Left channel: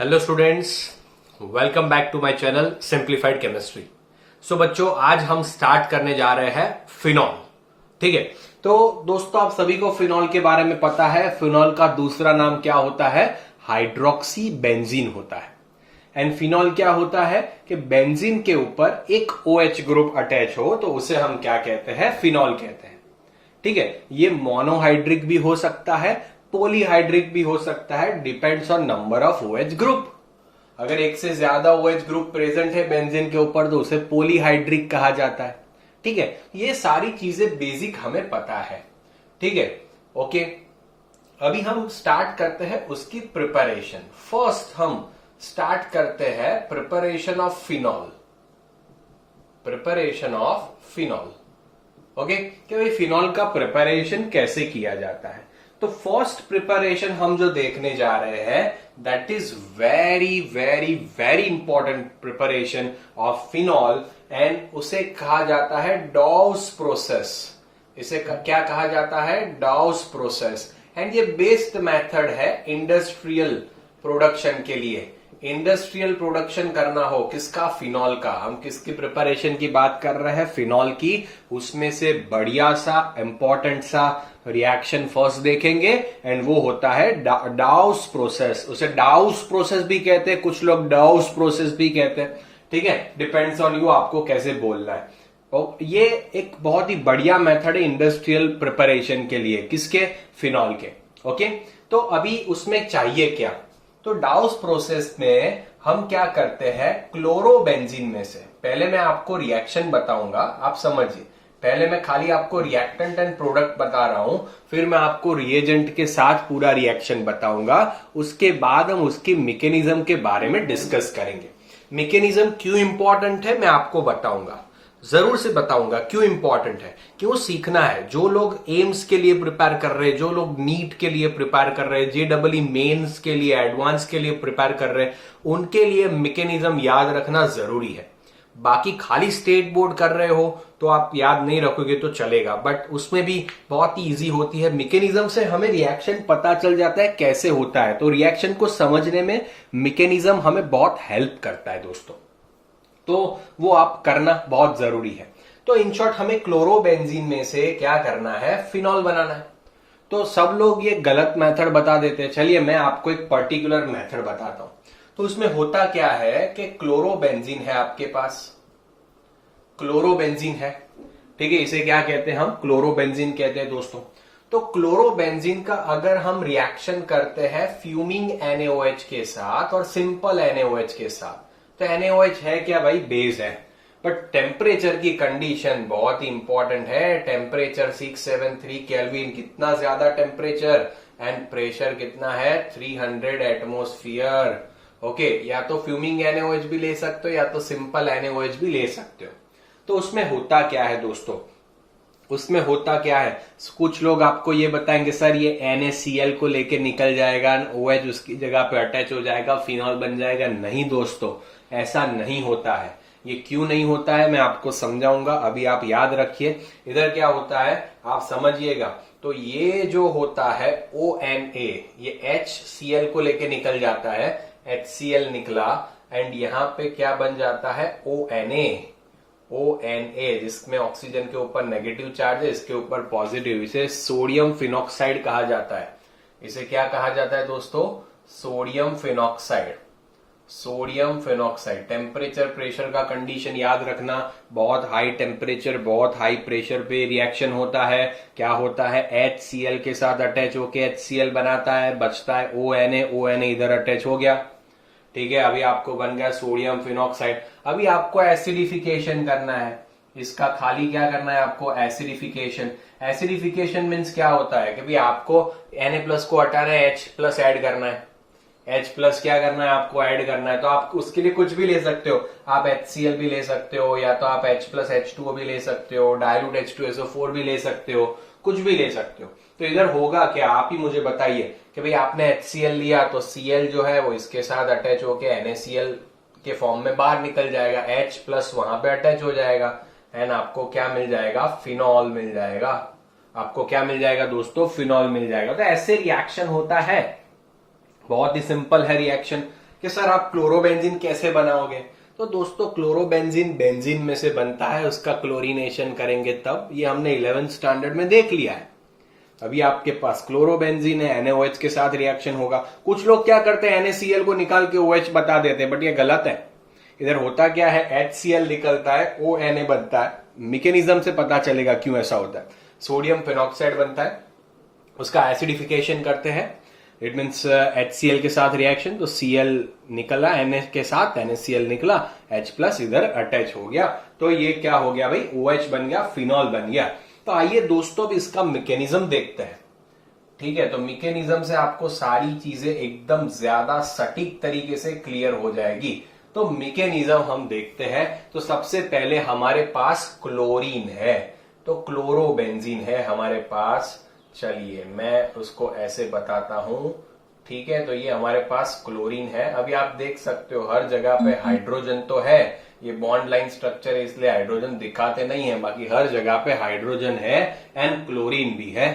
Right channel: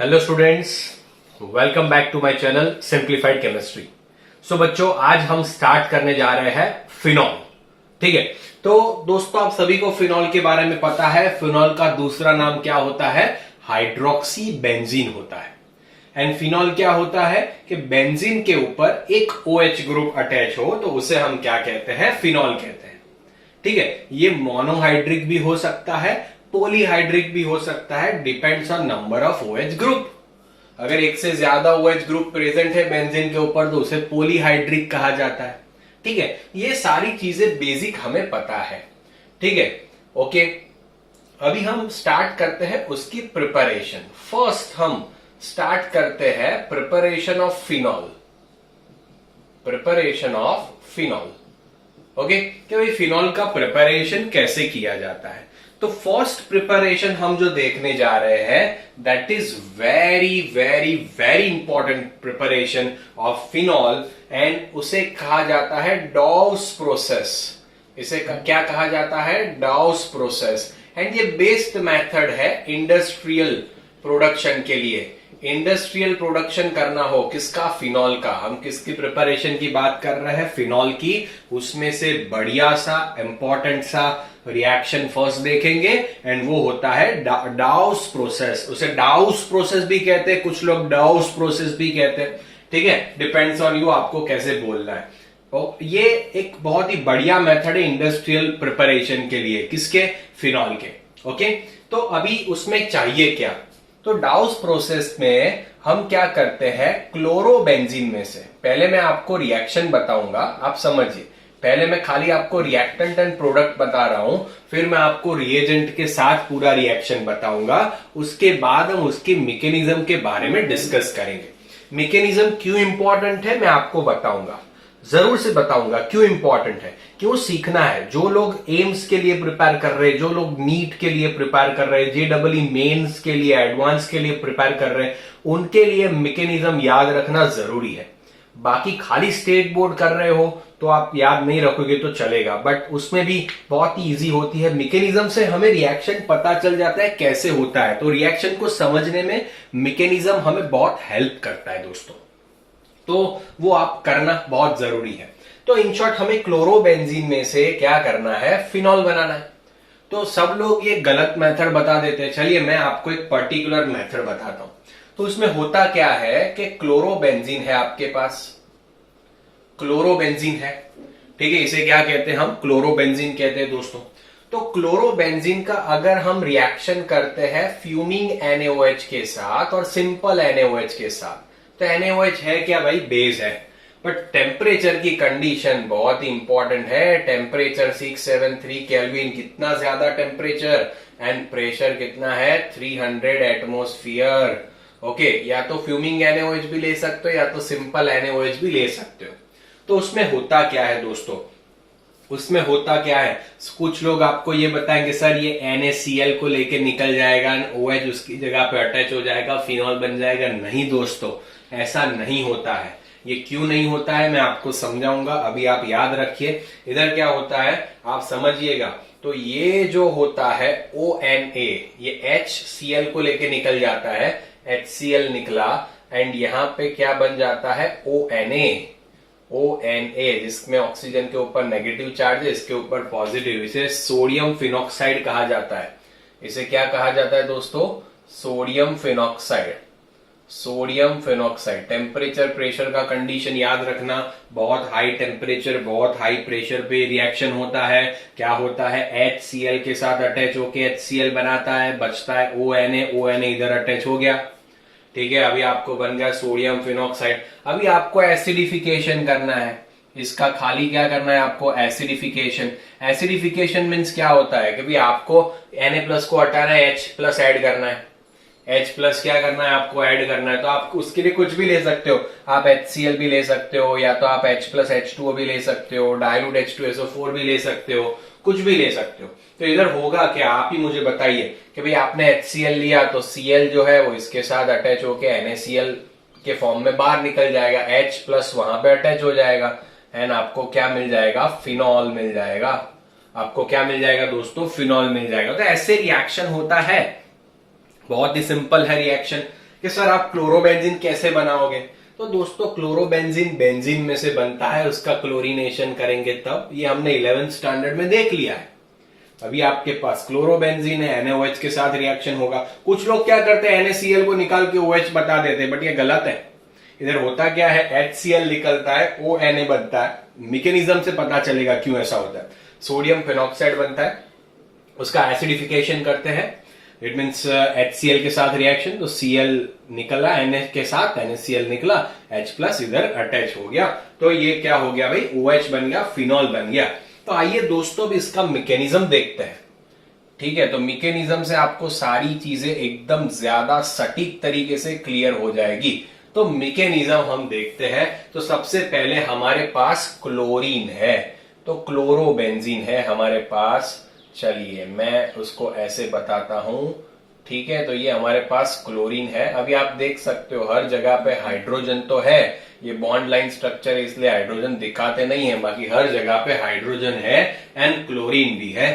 Hello students, welcome back to my channel simplified chemistry. So बच्चों, आज हम start करने जा रहे हैं फिनॉल। ठीक है, तो दोस्तों आप सभी को फिनॉल के बारे में पता है। फिनॉल का दूसरा नाम क्या होता है? हाइड्रोक्सी बेंजीन होता है। एंड फिनॉल क्या होता है कि बेंजीन के ऊपर एक OH ग्रुप अटैच हो तो उसे हम क्या कहते हैं? फिनॉल कहते हैं। ठीक है, ये मोनोहाइड्रिक भी हो सकता है, पॉलीहाइड्रिक भी हो सकता है, depends on number of OH group. अगर एक से ज्यादा OH ग्रुप प्रेजेंट है बेंजीन के ऊपर तो उसे पॉलीहाइड्रिक कहा जाता है। ठीक है, ये सारी चीजें बेसिक हमें पता है। ठीक है, ओके। अभी हम स्टार्ट करते हैं उसकी प्रिपरेशन। फर्स्ट हम स्टार्ट करते हैं preparation of phenol. Preparation of phenol, okay, कि भाई फिनॉल का प्रिपरेशन कैसे किया जाता है। तो फर्स्ट प्रिपरेशन हम जो देखने जा रहे हैं that is very very very important preparation of phenol and उसे कहा जाता है डाउस प्रोसेस। इसे क्या कहा जाता है? डाउस प्रोसेस। एंड ये बेस्ट मेथड है इंडस्ट्रियल प्रोडक्शन के लिए। इंडस्ट्रियल प्रोडक्शन करना हो किसका? फिनॉल का। हम किसकी प्रिपरेशन की बात कर रहे हैं? फिनॉल की। उसमें से बढ़िया सा इंपॉर्टेंट सा रिएक्शन फर्स्ट देखेंगे एंड वो होता है डाउस प्रोसेस। उसे डाउस प्रोसेस भी कहते हैं, कुछ लोग डाउस प्रोसेस भी कहते हैं। ठीक है, डिपेंड्स ऑन यू आपको कैसे बोलना है। तो ये एक बहुत ही बढ़िया मेथड है इंडस्ट्रियल प्रिपरेशन के लिए। किसके? फिनॉल के। ओके, तो अभी उसमें चाहिए क्या? तो डाउस प्रोसेस में हम क्या करते हैं? क्लोरोबेंजीन में से पहले मैं आपको रिएक्शन बताऊंगा, आप समझिए। पहले मैं खाली आपको रिएक्टेंट एंड प्रोडक्ट बता रहा हूं, फिर मैं आपको रिएजेंट के साथ पूरा रिएक्शन बताऊंगा। उसके बाद हम उसकी मैकेनिज्म के बारे में डिस्कस करेंगे। मैकेनिज्म क्यों इंपॉर्टेंट है मैं आपको बताऊंगा, जरूर से बताऊंगा क्यों इंपॉर्टेंट है, क्यों सीखना है। जो लोग एम्स के लिए प्रिपेयर कर रहे हैं, जो लोग नीट के लिए प्रिपेयर कर रहे हैं, JEE मेंस के लिए, एडवांस के लिए प्रिपेयर कर रहे हैं, उनके लिए मैकेनिज्म याद रखना जरूरी है। बाकी खाली स्टेट बोर्ड कर रहे हो तो आप याद नहीं रखोगे तो चलेगा, बट उसमें भी बहुत ही इजी होती है। मैकेनिज्म से हमें रिएक्शन पता चल जाता है कैसे होता है, तो रिएक्शन को समझने में मैकेनिज्म हमें बहुत हेल्प करता है दोस्तों। तो वो आप करना बहुत जरूरी है। तो इन शॉर्ट हमें क्लोरोबेंजीन में से क्या करना है? फिनॉल बनाना है। तो सब लोग ये गलत मेथड बता देते हैं। चलिए मैं आपको एक पर्टिकुलर मेथड बताता हूं। तो उसमें होता क्या है कि क्लोरोबेंजीन है आपके पास, क्लोरोबेंजीन है। ठीक है, इसे क्या कहते हैं? हम क्लोरोबेंजीन कहते हैं दोस्तों। तो क्लोरोबेंजीन का अगर हम रिएक्शन करते हैं फ्यूमिंग NaOH के साथ और सिंपल NaOH के साथ, तो NaOH है क्या भाई? बेस है। बट टेम्परेचर की कंडीशन बहुत ही इंपॉर्टेंट है। टेम्परेचर 673 केल्विन, कितना ज्यादा टेम्परेचर, एंड प्रेशर कितना है? 300 एटमोस्फियर। ओके, या तो फ्यूमिंग NaOH भी ले सकते हो या तो सिंपल NaOH भी ले सकते हो। तो उसमें होता क्या है दोस्तों? उसमें होता क्या है? कुछ लोग आपको ये बताएंगे सर ये NaCl को लेके निकल जाएगा, OH उसकी जगह पे अटैच हो जाएगा, फिनॉल बन जाएगा। नहीं दोस्तों, ऐसा नहीं होता है। ये क्यों नहीं होता है मैं आपको समझाऊंगा, अभी आप याद रखिए। इधर क्या होता है आप समझिएगा। तो ये जो होता है ONA, ये HCl को लेके निकल जाता है, HCl निकला, एंड यहां पे क्या बन जाता है? ONA, जिसमें ऑक्सीजन के ऊपर नेगेटिव चार्ज है, इसके ऊपर पॉजिटिव। इसे सोडियम फिनॉक्साइड कहा जाता है। इसे क्या कहा जाता है दोस्तों? Sodium phenoxide. Sodium phenoxide. Temperature pressure का कंडीशन याद रखना। बहुत हाई टेम्परेचर बहुत हाई प्रेशर पे रिएक्शन होता है। क्या होता है? HCl के साथ अटैच होके HCl बनाता है, बचता है ONA इधर अटैच हो गया। ठीक है, अभी आपको बन गया सोडियम फिनॉक्साइड। अभी आपको एसिडिफिकेशन करना है इसका। खाली क्या करना है आपको? एसिडिफिकेशन। एसिडिफिकेशन मीन्स क्या होता है कि भाई आपको Na+ को हटाना है, H+ ऐड करना है। H+ क्या करना है? आपको ऐड करना है। तो आप उसके लिए कुछ भी ले सकते हो। आप HCl भी ले सकते हो, या तो आप H+ H2O भी ले सकते हो, डाइल्यूट H2SO4 भी ले सकते हो, कुछ भी ले सकते हो। तो इधर होगा क्या आप ही मुझे बताइए कि भाई आपने HCl लिया तो Cl जो है वो इसके साथ अटैच होके NaCl के फॉर्म में बाहर निकल जाएगा, H+ वहां पे अटैच हो जाएगा, एंड आपको क्या मिल जाएगा? फिनॉल मिल जाएगा। आपको क्या मिल जाएगा दोस्तों? फिनॉल मिल जाएगा। तो ऐसे रिएक्शन होता है, बहुत ही सिंपल है रिएक्शन। कि सर आप क्लोरोबेंजीन कैसे बनाओगे? तो दोस्तों क्लोरोबेंजीन बेंजीन में से बनता है, उसका क्लोरीनेशन करेंगे तब। ये हमने 11th स्टैंडर्ड में देख लिया है। अभी आपके पास क्लोरोबेंजीन है, NaOH के साथ रिएक्शन होगा। कुछ लोग क्या करते हैं, NaCl को निकाल के OH बता देते हैं, बट ये गलत है। इधर होता क्या है, HCl निकलता है, ONa बनता है। मैकेनिज्म से पता चलेगा क्यों ऐसा होता है। सोडियम फिनॉक्साइड बनता है, उसका एसिडिफिकेशन करते हैं, इट मीन्स HCl के साथ रिएक्शन, तो Cl निकला Na के साथ, NaCl निकला, H प्लस इधर अटैच हो गया, तो ये क्या हो गया भाई, OH बन गया, फिनॉल बन गया। तो आइए दोस्तों अब इसका मैकेनिज्म देखते हैं। ठीक है, तो मैकेनिज्म से आपको सारी चीजें एकदम ज्यादा सटीक तरीके से क्लियर हो जाएगी। तो मैकेनिज्म हम देखते हैं। तो सबसे पहले हमारे पास क्लोरीन है, तो क्लोरोबेंजीन है हमारे पास। चलिए मैं उसको ऐसे बताता हूं। ठीक है, तो ये हमारे पास क्लोरीन है। अभी आप देख सकते हो हर जगह पे हाइड्रोजन तो है, ये बॉन्ड लाइन स्ट्रक्चर है इसलिए हाइड्रोजन दिखाते नहीं है, बाकी हर जगह पे हाइड्रोजन है एंड क्लोरीन भी है।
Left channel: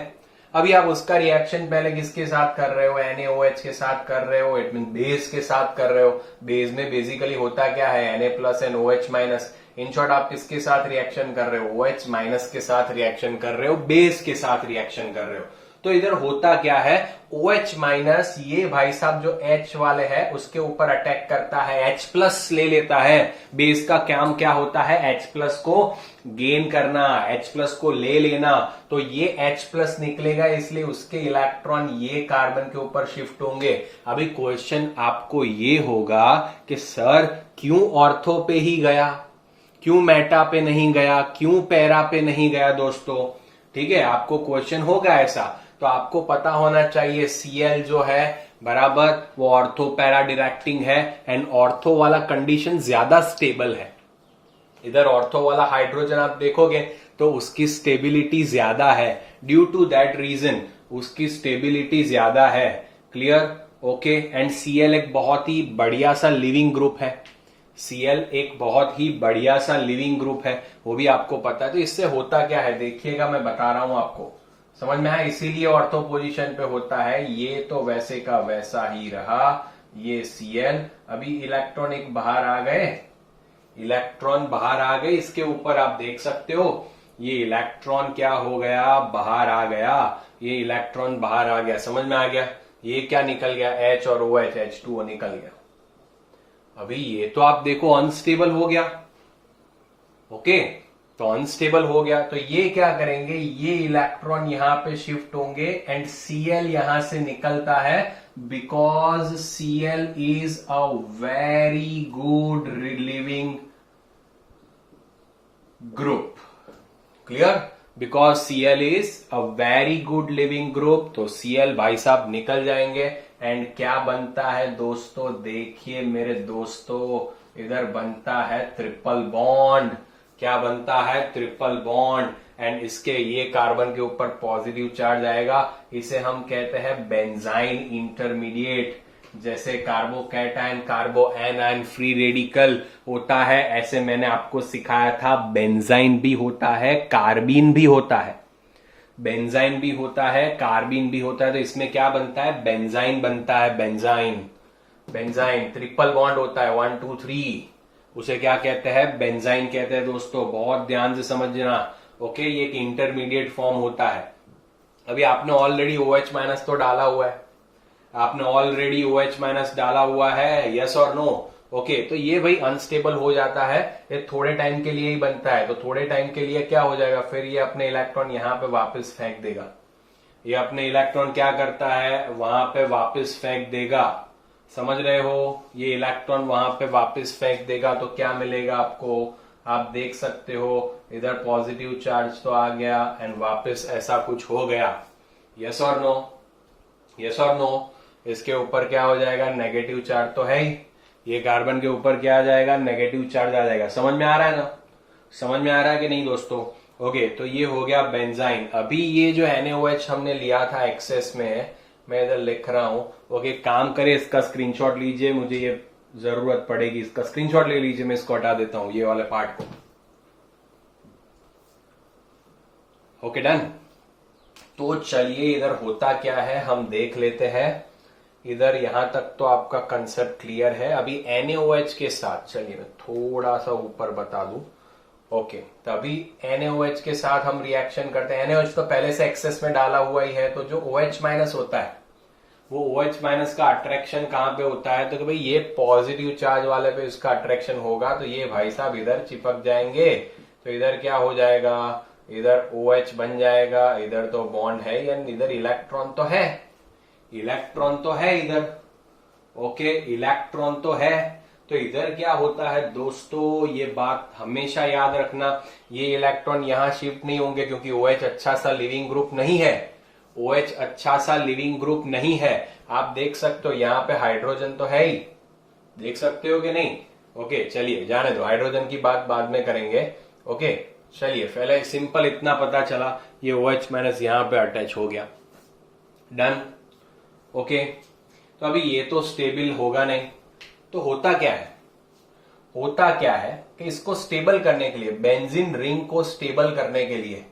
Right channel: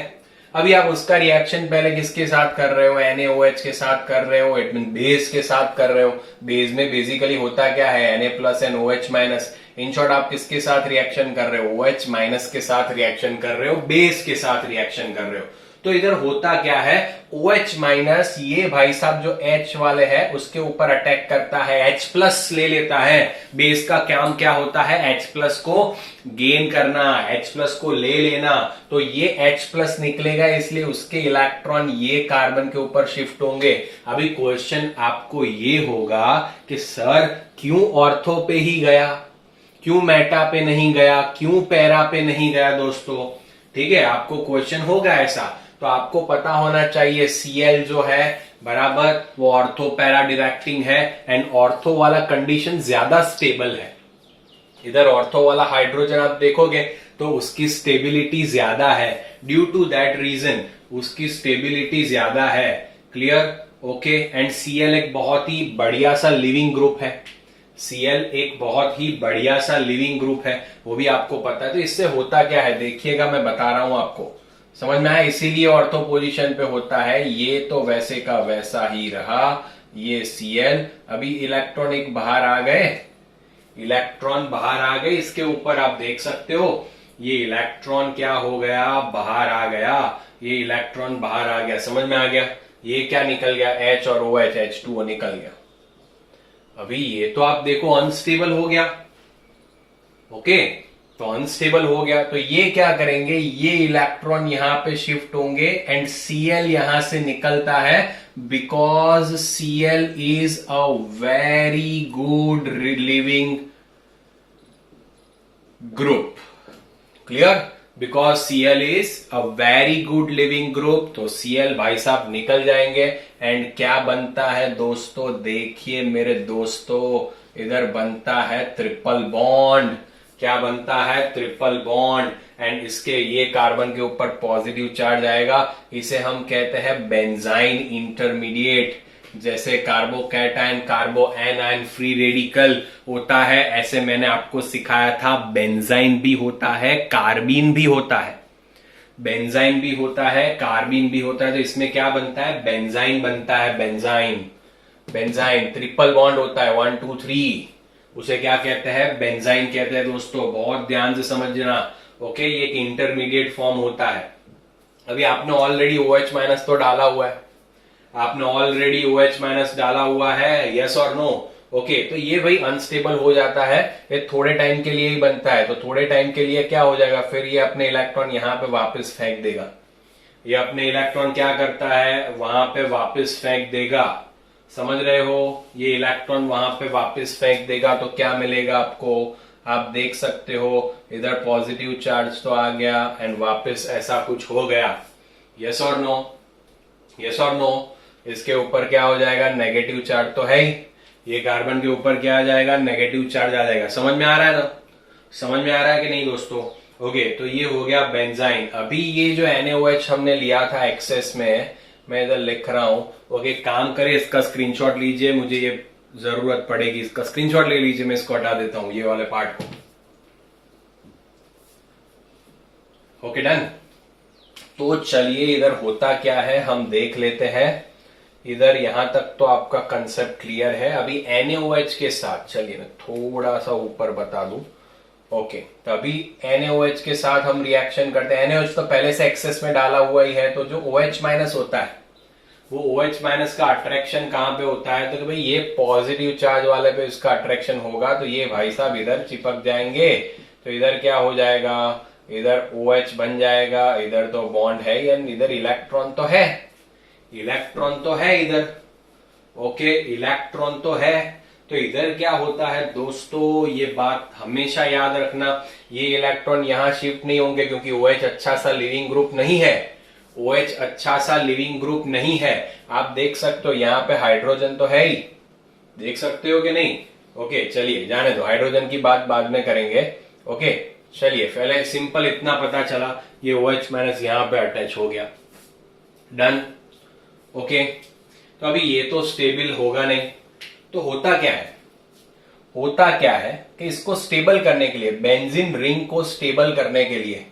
अभी आप उसका रिएक्शन पहले किसके साथ कर रहे हो, NaOH के साथ कर रहे हो, इट मीन बेस के साथ कर रहे हो। बेस में बेसिकली होता क्या है, Na plus and OH minus. In short आप किसके साथ रिएक्शन कर रहे हो, OH माइनस के साथ रिएक्शन कर रहे हो, बेस के साथ रिएक्शन कर रहे हो। तो इधर होता क्या है, OH माइनस ये भाई साहब जो H वाले है उसके ऊपर अटैक करता है, H प्लस ले लेता है। बेस का काम क्या होता है, H प्लस को गेन करना, H प्लस को ले लेना। तो ये H प्लस निकलेगा, इसलिए उसके इलेक्ट्रॉन ये कार्बन के ऊपर शिफ्ट होंगे। अभी क्वेश्चन आपको ये होगा कि सर क्यों ऑर्थो पे ही गया, क्यों मेटा पे नहीं गया, क्यों पैरा पे नहीं गया दोस्तों? ठीक है, आपको क्वेश्चन होगा ऐसा, तो आपको पता होना चाहिए Cl जो है बराबर वो ऑर्थो पैरा डिरेक्टिंग है, एंड ऑर्थो वाला कंडीशन ज्यादा स्टेबल है। इधर ऑर्थो वाला हाइड्रोजन आप देखोगे तो उसकी स्टेबिलिटी ज्यादा है, ड्यू टू दैट रीजन उसकी स्टेबिलिटी ज्यादा है। क्लियर? ओके। एंड Cl एक बहुत ही बढ़िया सा लिविंग ग्रुप है, Cl एक बहुत ही बढ़िया सा लिविंग ग्रुप है, वो भी आपको पता है। तो इससे होता क्या है देखिएगा, मैं बता रहा हूं आपको, समझ में आया? इसीलिए ऑर्थो पोजीशन पे होता है। ये तो वैसे का वैसा ही रहा, ये Cl। अभी इलेक्ट्रॉन एक बाहर आ गए, इलेक्ट्रॉन बाहर आ गए, इसके ऊपर आप देख सकते हो ये इलेक्ट्रॉन क्या हो गया, बाहर आ गया, ये इलेक्ट्रॉन बाहर आ गया, समझ में आ गया? ये क्या निकल गया, H और OH, H2O निकल गया। अभी ये तो आप देखो अनस्टेबल हो गया। ओके, तो अनस्टेबल हो गया, तो ये क्या करेंगे, ये इलेक्ट्रॉन यहां पे शिफ्ट होंगे एंड Cl यहां से निकलता है, because Cl is a very good leaving group. Clear? Because Cl is a very good leaving group, तो Cl भाई साहब निकल जाएंगे। एंड क्या बनता है दोस्तों, देखिए मेरे दोस्तों, इधर बनता है ट्रिपल बॉन्ड। क्या बनता है, ट्रिपल बॉन्ड। एंड इसके ये कार्बन के ऊपर पॉजिटिव चार्ज आएगा, इसे हम कहते हैं बेंजाइन इंटरमीडिएट। जैसे कार्बोकैटायन, कार्बो एनायन फ्री रेडिकल होता है, ऐसे मैंने आपको सिखाया था बेंजाइन भी होता है, कार्बीन भी होता है। बेंजाइन भी होता है, कार्बीन भी होता है, तो इसमें क्या बनता है, बेंजाइन बनता है, बेंजाइन। बेंजाइन ट्रिपल बॉन्ड होता है, 1 2 3, उसे क्या कहते हैं, बेंजाइन कहते हैं दोस्तों, बहुत ध्यान से समझना। ओके, ये एक इंटरमीडिएट फॉर्म होता है। अभी आपने ऑलरेडी OH माइनस तो डाला हुआ है, आपने ऑलरेडी OH माइनस डाला हुआ है, यस और नो? ओके, तो ये भाई अनस्टेबल हो जाता है, ये थोड़े टाइम के लिए ही बनता है, तो थोड़े टाइम के लिए क्या हो जाएगा, फिर ये अपने इलेक्ट्रॉन यहां पे वापस फेंक देगा। ये अपने इलेक्ट्रॉन क्या करता है, वहां पे वापस फेंक देगा, समझ रहे हो? ये इलेक्ट्रॉन वहां पे वापस फेंक देगा, तो क्या मिलेगा आपको, आप देख सकते हो इधर पॉजिटिव चार्ज तो आ गया एंड वापस ऐसा कुछ हो गया, यस और नो? यस और नो? इसके ऊपर क्या हो जाएगा, नेगेटिव चार्ज तो है ही, ये कार्बन के ऊपर क्या आ जाएगा, नेगेटिव चार्ज आ जाएगा। समझ में आ रहा है ना? समझ में आ रहा है कि नहीं दोस्तों? ओके, तो ये हो गया बेंजाइन। अभी ये जो NaOH हमने लिया था एक्सेस में, मैं इधर लिख रहा हूं। ओके, काम करे इसका स्क्रीनशॉट लीजिए, मुझे ये जरूरत पड़ेगी, इसका स्क्रीनशॉट ले लीजिए, मैं इसको हटा देता हूं ये वाले पार्ट को। Okay, done. तो चलिए इधर होता क्या है हम देख लेते हैं। इधर यहां तक तो आपका कंसेप्ट क्लियर है। अभी NaOH के साथ चलिए मैं थोड़ा सा ऊपर बता दूं। ओके, तो अभी NaOH के साथ हम रिएक्शन करते हैं। NaOH तो पहले से एक्सेस में डाला हुआ ही है, तो जो OH माइनस होता है वो OH माइनस का अट्रैक्शन कहां पे होता है, तो कि भाई ये पॉजिटिव चार्ज वाले पे इसका अट्रैक्शन होगा, तो ये भाई साहब इधर चिपक जाएंगे। तो इधर क्या हो जाएगा, इधर OH बन जाएगा, इधर तो बॉन्ड है एंड इधर इलेक्ट्रॉन तो है, इलेक्ट्रॉन तो है इधर। ओके, इलेक्ट्रॉन तो है, तो इधर क्या होता है दोस्तों, ये बात हमेशा याद रखना, ये इलेक्ट्रॉन यहां शिफ्ट नहीं होंगे क्योंकि OH अच्छा सा लिविंग ग्रुप नहीं है। OH अच्छा सा लिविंग ग्रुप नहीं है। आप देख सकते हो यहाँ पे हाइड्रोजन तो है ही, देख सकते हो कि नहीं। ओके चलिए जाने दो, हाइड्रोजन की बात बाद में करेंगे। ओके चलिए, पहले सिंपल इतना पता चला, ये OH माइनस यहाँ पे अटैच हो गया, डन। ओके, तो अभी ये तो स्टेबल होगा नहीं, तो होता क्या है, होता क्या है कि इसको स्टेबल करने के लिए, बेंजीन रिंग को स्टेबल करने के लिए,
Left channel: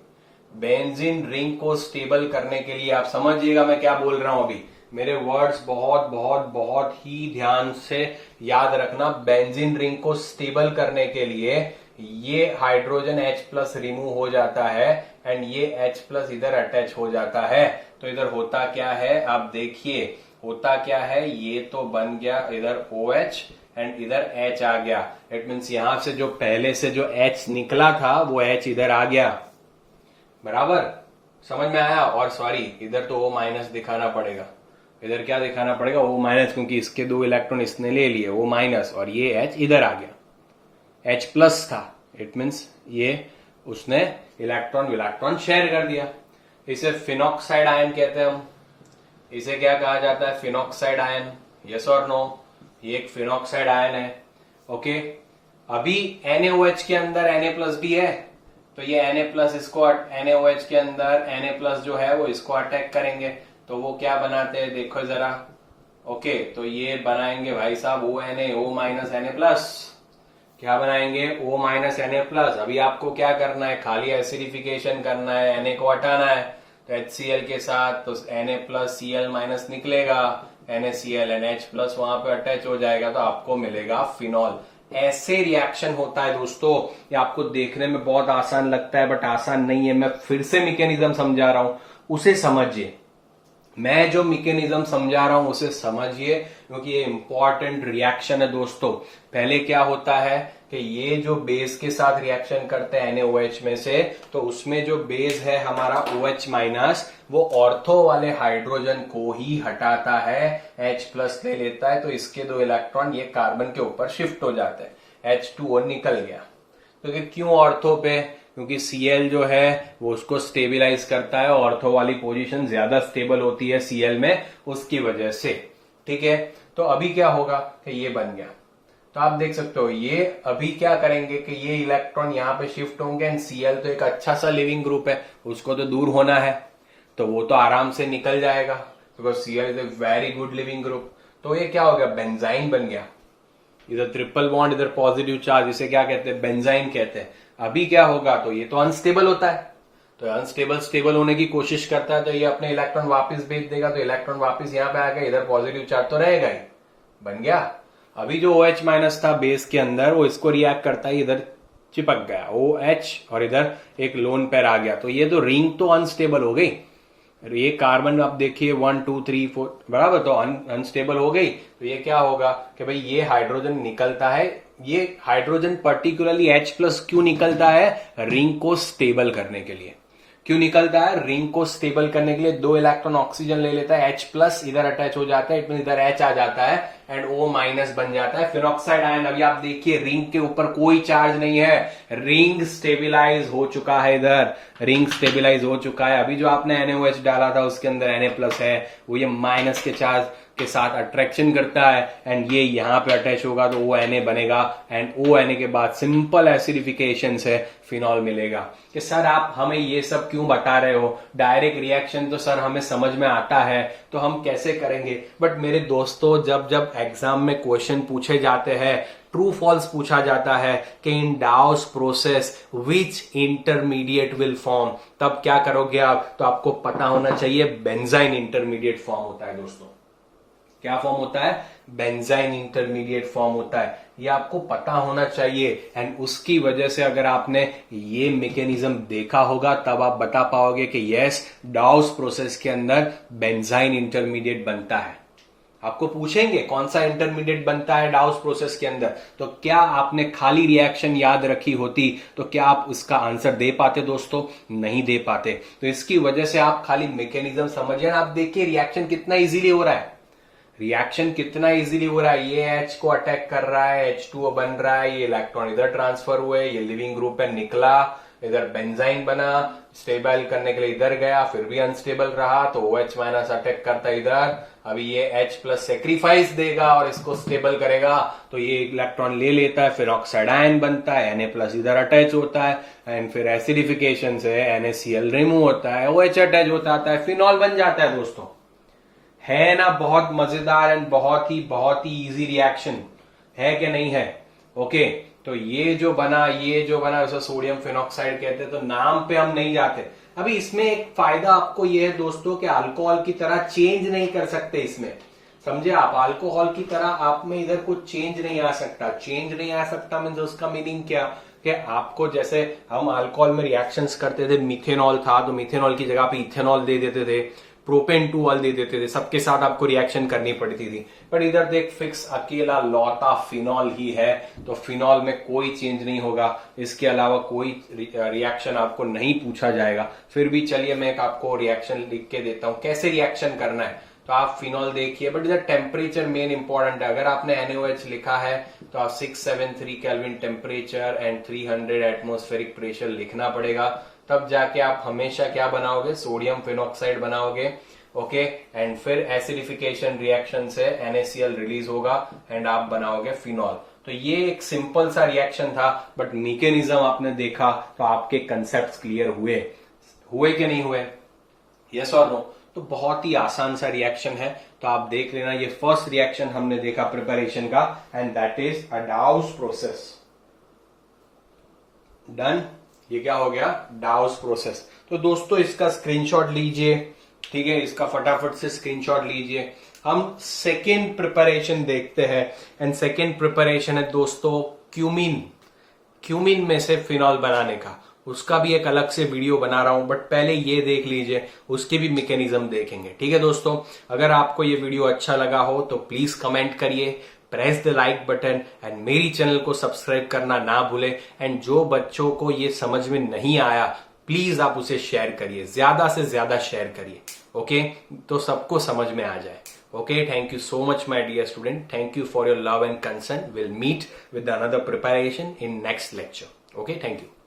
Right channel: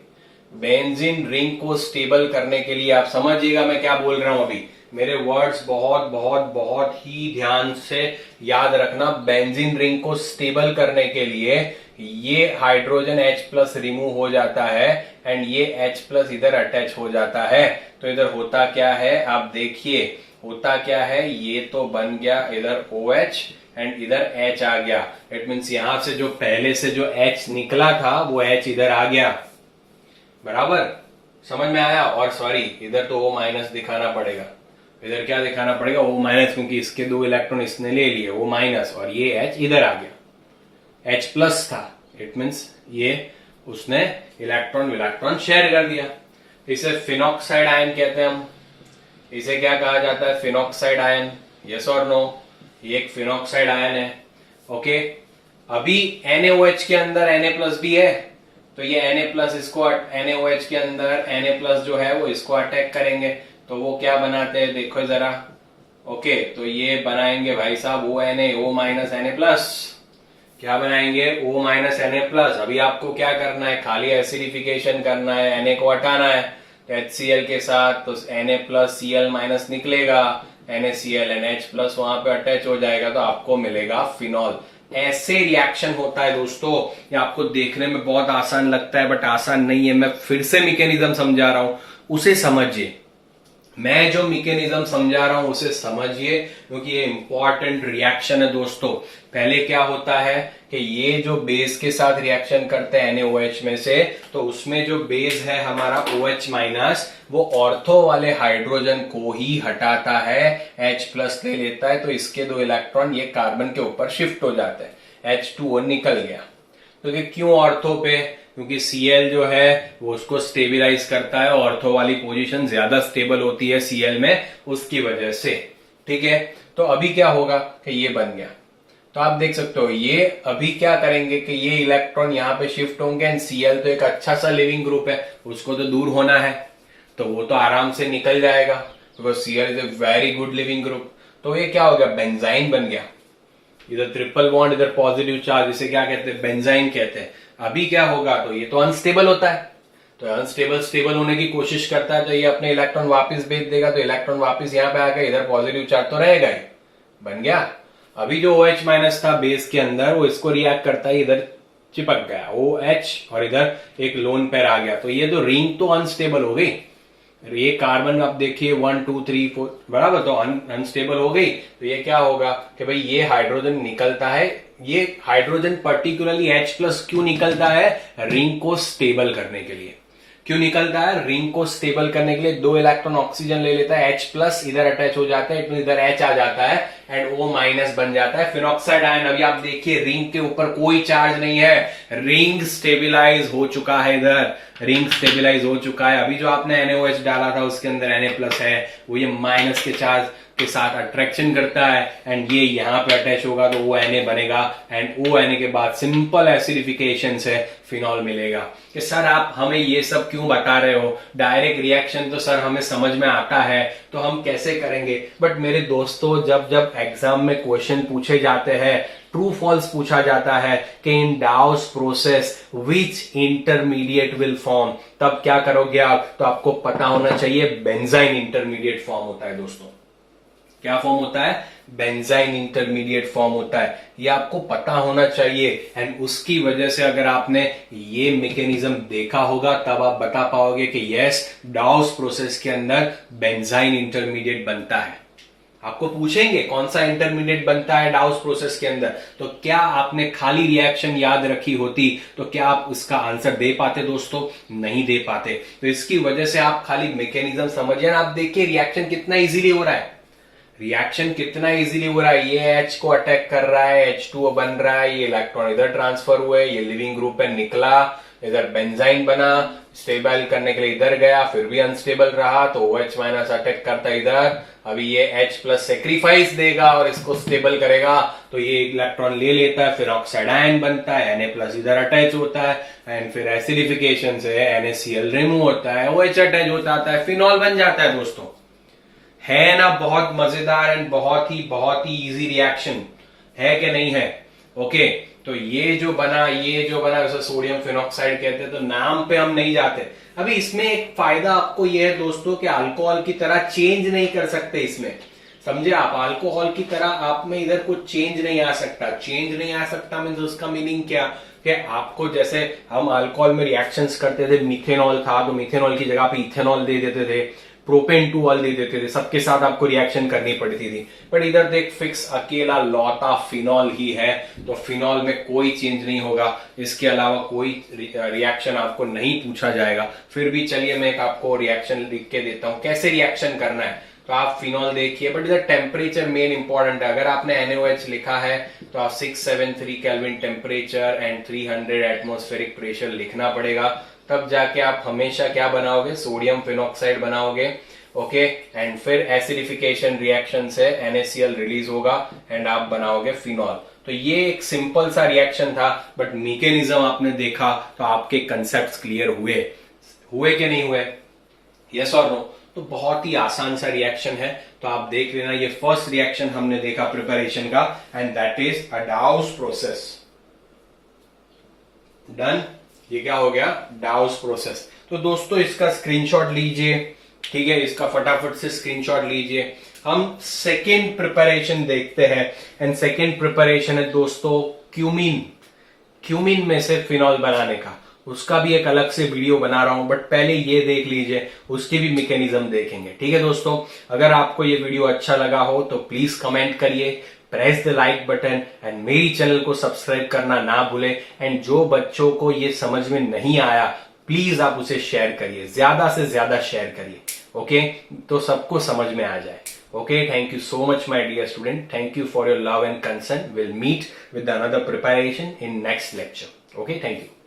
बेंजीन रिंग को स्टेबल करने के लिए, आप समझिएगा मैं क्या बोल रहा हूं अभी, मेरे वर्ड्स बहुत बहुत बहुत ही ध्यान से याद रखना। बेंजीन रिंग को स्टेबल करने के लिए ये हाइड्रोजन H प्लस रिमूव हो जाता है एंड ये H प्लस इधर अटैच हो जाता है। तो इधर होता क्या है आप देखिए, होता क्या है, ये तो बन गया इधर OH एंड इधर H आ गया। इट मीन्स यहां से जो पहले से जो H निकला था वो H इधर आ गया, बराबर समझ में आया। और सॉरी, इधर तो O माइनस दिखाना पड़ेगा, इधर क्या दिखाना पड़ेगा, O माइनस, क्योंकि इसके 2 इलेक्ट्रॉन इसने ले लिए, O माइनस, और ये H इधर आ गया, H प्लस था, इट मीन्स ये उसने इलेक्ट्रॉन शेयर कर दिया। इसे फिनॉक्साइड आयन कहते हैं हम, इसे क्या कहा जाता है, फिनॉक्साइड आयन, यस और नो, ये एक फिनॉक्साइड आयन है। ओके, अभी NaOH के अंदर Na प्लस भी है, तो ये Na प्लस इसको, NaOH के अंदर Na प्लस जो है वो इसको अटैक करेंगे, तो वो क्या बनाते हैं देखो जरा। ओके, तो ये बनाएंगे भाई साहब O माइनस Na प्लस, क्या बनाएंगे, O माइनस Na प्लस। अभी आपको क्या करना है, खाली एसिडिफिकेशन करना है, Na को हटाना है, तो HCl के साथ तो Na प्लस Cl माइनस निकलेगा, NaCl NH प्लस वहां पे अटैच हो जाएगा, तो आपको मिलेगा फिनॉल। ऐसे रिएक्शन होता है दोस्तों, ये आपको देखने में बहुत आसान लगता है बट आसान नहीं है। मैं फिर से मैकेनिज्म समझा रहा हूं, उसे समझिए, मैं जो मैकेनिज्म समझा रहा हूं उसे समझिए, क्योंकि ये इंपॉर्टेंट रिएक्शन है दोस्तों। पहले क्या होता है कि ये जो बेस के साथ रिएक्शन करते हैं NaOH में से, तो उसमें जो बेस है हमारा OH माइनस, वो ऑर्थो वाले हाइड्रोजन को ही हटाता है, H प्लस ले लेता है, तो इसके 2 इलेक्ट्रॉन ये कार्बन के ऊपर शिफ्ट हो जाते हैं, H2O निकल गया। तो क्यों ऑर्थो पे, क्योंकि Cl जो है वो उसको स्टेबिलाईज करता है, ऑर्थो वाली पोजीशन ज्यादा स्टेबल होती है Cl में, उसकी वजह से। ठीक है, तो अभी क्या होगा कि ये बन गया, तो आप देख सकते हो ये अभी क्या करेंगे कि ये इलेक्ट्रॉन यहाँ पे शिफ्ट होंगे एंड Cl तो एक अच्छा सा लिविंग ग्रुप है, उसको तो दूर होना है, तो वो तो आराम से निकल जाएगा, because Cl is a very good leaving group. तो ये क्या हो गया, बेंजाइन बन गया, इधर ट्रिपल बॉन्ड, इधर पॉजिटिव चार्ज, इसे क्या कहते हैं, बेंजाइन कहते हैं। अभी क्या होगा, तो ये तो अनस्टेबल होता है, तो अनस्टेबल स्टेबल होने की कोशिश करता है, तो ये अपने इलेक्ट्रॉन वापस भेज देगा, तो इलेक्ट्रॉन वापस यहाँ पे आ गया, इधर पॉजिटिव चार्ज तो रहेगा ही, बन गया। अभी जो OH माइनस था बेस के अंदर, वो इसको रिएक्ट करता है, इधर चिपक गया OH और इधर एक लोन पेयर आ गया, तो ये जो रिंग तो अनस्टेबल हो गई, ये कार्बन आप देखिए 1 2 3 4 बराबर, तो अनस्टेबल हो गई। तो ये क्या होगा कि भाई ये हाइड्रोजन निकलता है, ये हाइड्रोजन पर्टिकुलरली H प्लस क्यों निकलता है, रिंग को स्टेबल करने के लिए। क्यों निकलता है, रिंग को स्टेबल करने के लिए। 2 इलेक्ट्रॉन ऑक्सीजन ले लेता है, H प्लस इधर अटैच हो जाता है, इधर H आ जाता है एंड O माइनस बन जाता है, फिनॉक्साइड आयन। अभी आप देखिए रिंग के ऊपर कोई चार्ज नहीं है, रिंग स्टेबिलाईज हो चुका है, इधर रिंग स्टेबिलाईज हो चुका है। अभी जो आपने NaOH डाला था उसके अंदर Na प्लस है, वो ये माइनस के चार्ज के साथ अट्रैक्शन करता है एंड ये यहां पे अटैच होगा, तो ONA बनेगा एंड ONA के बाद सिंपल एसिडिफिकेशन से फिनॉल मिलेगा। कि सर आप हमें ये सब क्यों बता रहे हो, डायरेक्ट रिएक्शन तो सर हमें समझ में आता है, तो हम कैसे करेंगे। बट मेरे दोस्तों, जब जब एग्जाम में क्वेश्चन पूछे जाते हैं, ट्रू फॉल्स पूछा जाता है कि in those process which intermediate will form, तब क्या करोगे आप, तो आपको पता होना चाहिए बेंजाइन इंटरमीडिएट फॉर्म होता है दोस्तों। क्या फॉर्म होता है? बेंजाइन इंटरमीडिएट फॉर्म होता है। ये आपको पता होना चाहिए एंड उसकी वजह से अगर आपने ये मैकेनिज्म देखा होगा तब आप बता पाओगे कि यस, डाउस प्रोसेस के अंदर बेंजाइन इंटरमीडिएट बनता है। आपको पूछेंगे कौन सा इंटरमीडिएट बनता है डाउस प्रोसेस के अंदर, तो क्या आपने खाली रिएक्शन याद रखी होती तो क्या आप उसका आंसर दे पाते दोस्तों? नहीं दे पाते। तो इसकी वजह से आप खाली मैकेनिज्म समझिए। आप देखिए रिएक्शन कितना इजीली हो रहा है, रिएक्शन कितना इजीली हो रहा है। ये H को अटैक कर रहा है, H2O बन रहा है, ये इलेक्ट्रॉन इधर ट्रांसफर हुए, ये लिविंग ग्रुप है निकला, इधर बेंजाइन बना, स्टेबल करने के लिए इधर गया, फिर भी अनस्टेबल रहा तो OH माइनस अटैक करता इधर, अभी ये H प्लस सेक्रीफाइस देगा और इसको स्टेबल करेगा तो ये इलेक्ट्रॉन ले लेता है, फिर ऑक्साइड आयन बनता है, Na प्लस इधर अटैच होता है एंड फिर एसिडिफिकेशन से NaCl रिमूव होता है, OH अटैच होता है, फिनॉल बन जाता है दोस्तों। है ना बहुत मजेदार एंड बहुत ही इजी रिएक्शन, है कि नहीं है? ओके, तो ये जो बना वैसे सोडियम फिनॉक्साइड कहते हैं, तो नाम पे हम नहीं जाते। अभी इसमें एक फायदा आपको ये है दोस्तों कि अल्कोहल की तरह चेंज नहीं कर सकते इसमें, समझे आप? अल्कोहल की तरह आप में इधर कुछ चेंज नहीं आ सकता मीन्स उसका मीनिंग क्या कि आपको जैसे हम अल्कोहल में रिएक्शंस करते थे, मिथेनॉल था तो मिथेनॉल की जगह पे इथेनॉल दे देते थे, प्रोपेन 2 दे देते थे, सबके साथ आपको रिएक्शन करनी पड़ती थी। पर इधर देख फिक्स अकेला लौता फिनॉल ही है, तो फिनॉल में कोई चेंज नहीं होगा, इसके अलावा कोई रिएक्शन आपको नहीं पूछा जाएगा। फिर भी चलिए मैं एक आपको रिएक्शन लिख के देता हूं कैसे रिएक्शन करना है। तो आप फिनॉल देखिए, बट इधर टेम्परेचर मेन इंपॉर्टेंट है। अगर आपने NaOH लिखा है तो आप 673 kelvin temperature and 300 atmospheric pressure लिखना पड़ेगा, तब जाके आप हमेशा क्या बनाओगे? सोडियम फिनॉक्साइड बनाओगे। ओके, एंड फिर एसिडिफिकेशन रिएक्शन से NaCl रिलीज होगा एंड आप बनाओगे फिनॉल। तो ये एक सिंपल सा रिएक्शन था, बट मैकेनिज्म आपने देखा तो आपके कंसेप्ट क्लियर हुए कि नहीं हुए? यस और नो? तो बहुत ही आसान सा रिएक्शन है, तो आप देख लेना। ये फर्स्ट रिएक्शन हमने देखा प्रिपरेशन का and that is a डाउस process. Done, ये क्या हो गया? डाउस प्रोसेस। तो दोस्तों इसका स्क्रीनशॉट लीजिए, ठीक है, इसका फटाफट से स्क्रीनशॉट लीजिए। हम सेकेंड प्रिपरेशन देखते हैं एंड सेकेंड प्रिपरेशन है दोस्तों क्यूमिन में से फिनॉल बनाने का। उसका भी एक अलग से वीडियो बना रहा हूं, बट पहले ये देख लीजिए, उसकी भी मैकेनिज्म देखेंगे। ठीक है दोस्तों, अगर आपको ये वीडियो अच्छा लगा हो तो प्लीज कमेंट करिए, press the like button and मेरी चैनल को सब्सक्राइब करना ना भूलें। एंड जो बच्चों को ये समझ में नहीं आया प्लीज आप उसे शेयर करिए, ज्यादा से ज्यादा शेयर करिए। ओके, तो सबको समझ में आ जाए। Okay, thank you so much my dear student, thank you for your love and concern. Will meet with another preparation in next lecture. Okay, thank you.